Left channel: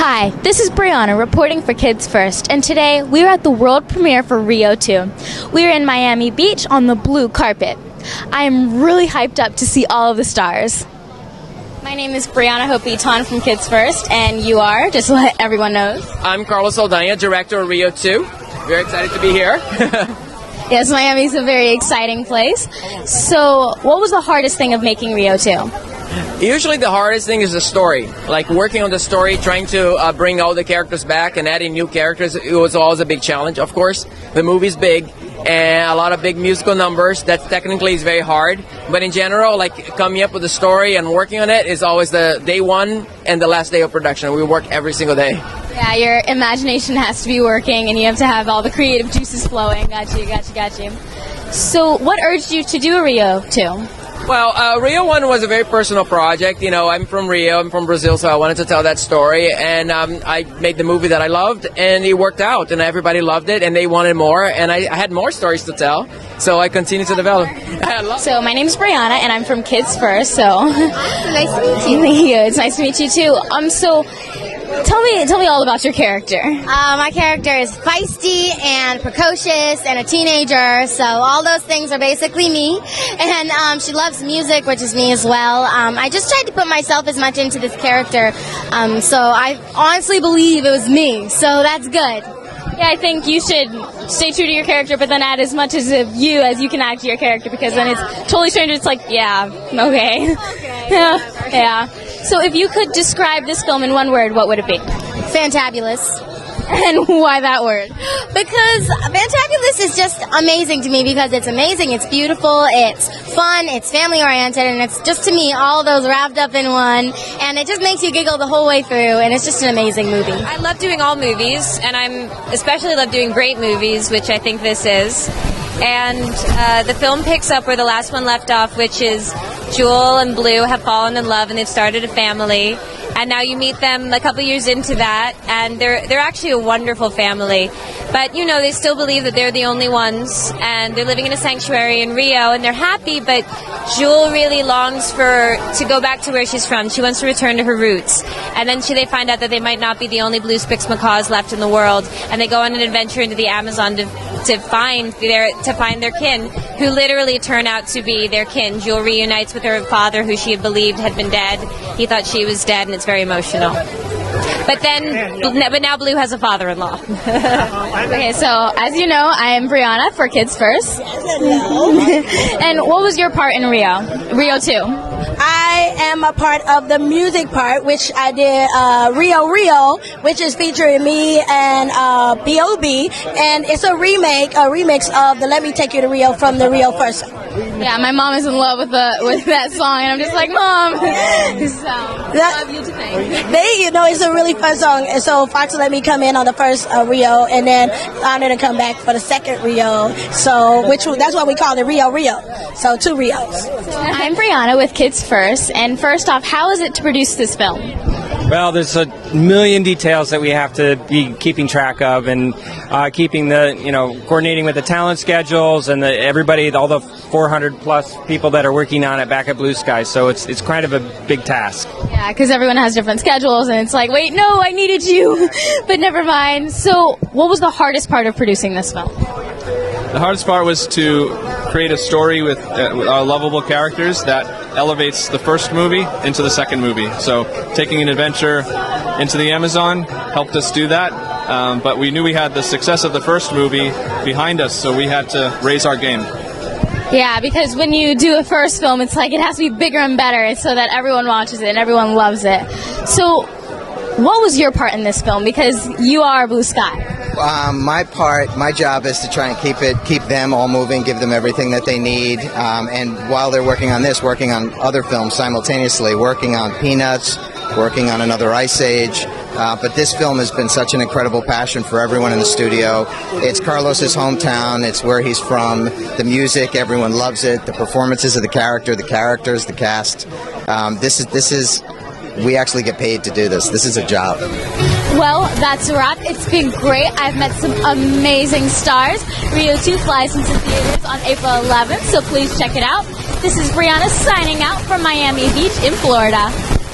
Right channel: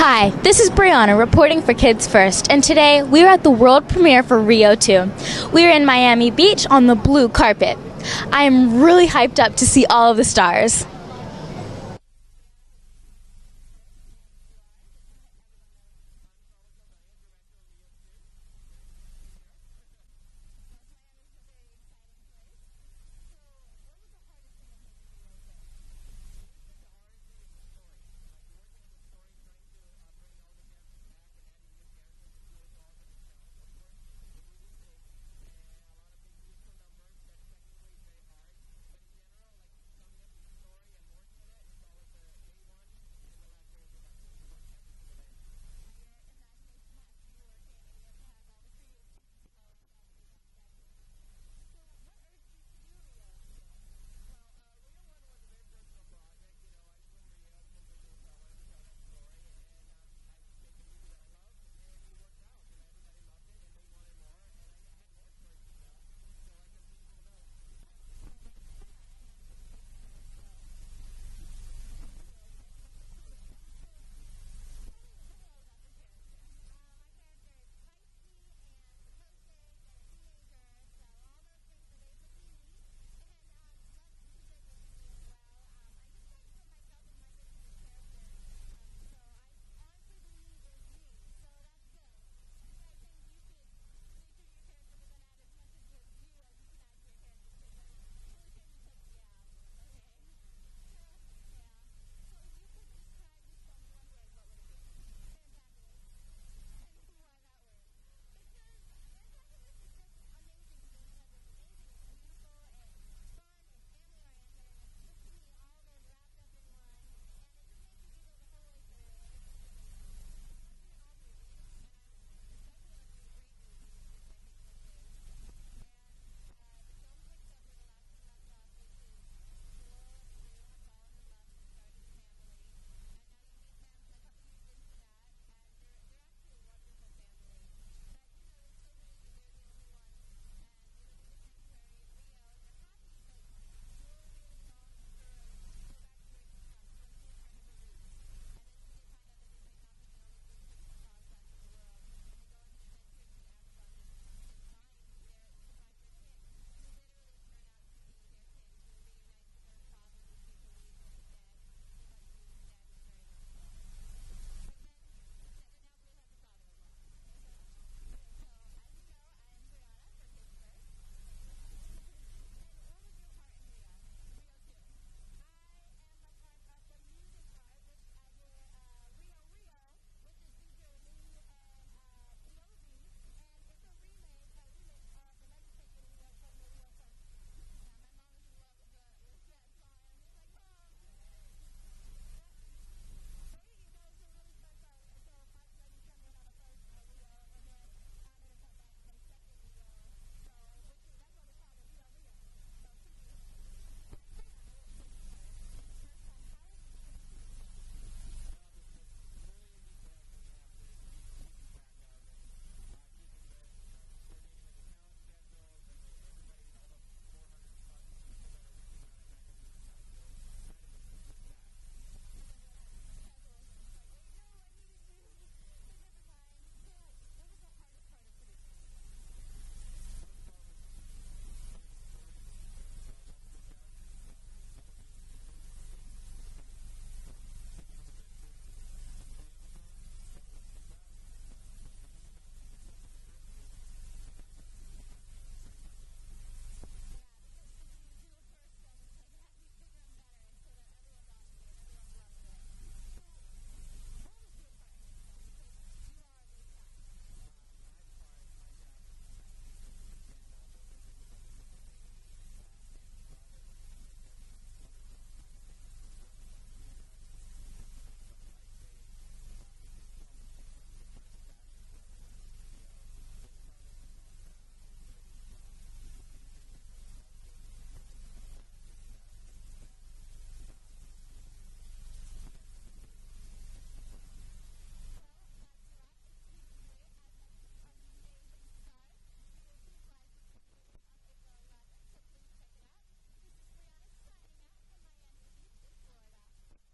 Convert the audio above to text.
Hi, this is Brianna reporting for Kids First, and today we are at the world premiere for Rio 2. We are in Miami Beach on the blue carpet. I am really hyped up to see all of the stars. My name is Brianna Beaton from Kids First, and you are, just to let everyone know. I'm Carlos Aldana, director of Rio 2. Very excited to be here. Yes, Miami is a very exciting place. So, what was the hardest thing of making Rio 2? Usually the hardest thing is the story. Like working on the story, trying to bring all the characters back and adding new characters, it was always a big challenge. Of course, the movie's big and a lot of big musical numbers. That technically is very hard. But in general, like coming up with the story and working on it is always the day one and the last day of production. We work every single day. Yeah, your imagination has to be working and you have to have all the creative juices flowing. Got you. So what urged you to do a Rio 2? Well, Rio 1 was a very personal project. You know, I'm from Rio, I'm from Brazil, so I wanted to tell that story. And I made the movie that I loved, and it worked out, and everybody loved it, and they wanted more, and I had more stories to tell, so I continued to develop. So my name is Brianna, and I'm from Kids First, so... Nice to meet you. Thank you. It's nice to meet you, too. So... Tell me all about your character. My character is feisty and precocious and a teenager, so all those things are basically me. And she loves music, which is me as well. I just tried to put myself as much into this character, so I honestly believe it was me, so that's good. Yeah, I think you should stay true to your character, but then add as much as of you as you can add to your character, because then it's totally strange. It's like, yeah, okay. Yeah. So if you could describe this film in one word, what would it be? Fantabulous. And why that word? Because Fantabulous is just amazing to me, because it's amazing, it's beautiful, it's fun, it's family oriented, and it's just, to me, all those wrapped up in one, and it just makes you giggle the whole way through, and it's just an amazing movie. I love doing all movies, and I'm especially love doing great movies, which I think this is. And the film picks up where the last one left off, which is Jewel and Blue have fallen in love and they've started a family. And now you meet them a couple years into that, and they're actually a wonderful family. But, you know, they still believe that they're the only ones, and they're living in a sanctuary in Rio, and they're happy, but Jewel really longs to go back to where she's from. She wants to return to her roots. And then they find out that they might not be the only blue spix macaws left in the world, and they go on an adventure into the Amazon to find their kin, who literally turn out to be their kin. Jewel reunites with her father, who she had believed had been dead. He thought she was dead, and it's very emotional. But now Blue has a father-in-law. Okay, so as you know, I am Brianna for Kids First. And what was your part in Rio 2? I am a part of the music part, which I did Rio, which is featuring me and B.O.B. And it's a remix of the Let Me Take You to Rio from the Rio first song. Yeah, my mom is in love with that song, and I'm just like, Mom. Love you to thank. It's a really fun song. And so Fox let me come in on the first Rio, and then honored to come back for the second Rio. So that's why we call it Rio. So 2 Rios. I'm Brianna with Kids First, and first off, how is it to produce this film? Well, there's a million details that we have to be keeping track of, and coordinating with the talent schedules and everybody, all the 400 plus people that are working on it back at Blue Sky. So it's kind of a big task. Yeah, because everyone has different schedules, and it's like, wait, no, I needed you, but never mind. So, what was the hardest part of producing this film? The hardest part was to create a story with lovable characters that elevates the first movie into the second movie. So taking an adventure into the Amazon helped us do that, but we knew we had the success of the first movie behind us, so we had to raise our game. Yeah, because when you do a first film, it's like it has to be bigger and better so that everyone watches it and everyone loves it. So what was your part in this film? Because you are Blue Sky. My job is to try and keep them all moving, give them everything that they need, and while they're working on this, working on other films simultaneously, working on Peanuts, working on another Ice Age. But this film has been such an incredible passion for everyone in the studio. It's Carlos's hometown. It's where he's from. The music, everyone loves it. The performances of the characters, the cast. We actually get paid to do this. This is a job. Well, that's a wrap. It's been great. I've met some amazing stars. Rio 2 flies into theaters on April 11th, so please check it out. This is Brianna signing out from Miami Beach in Florida.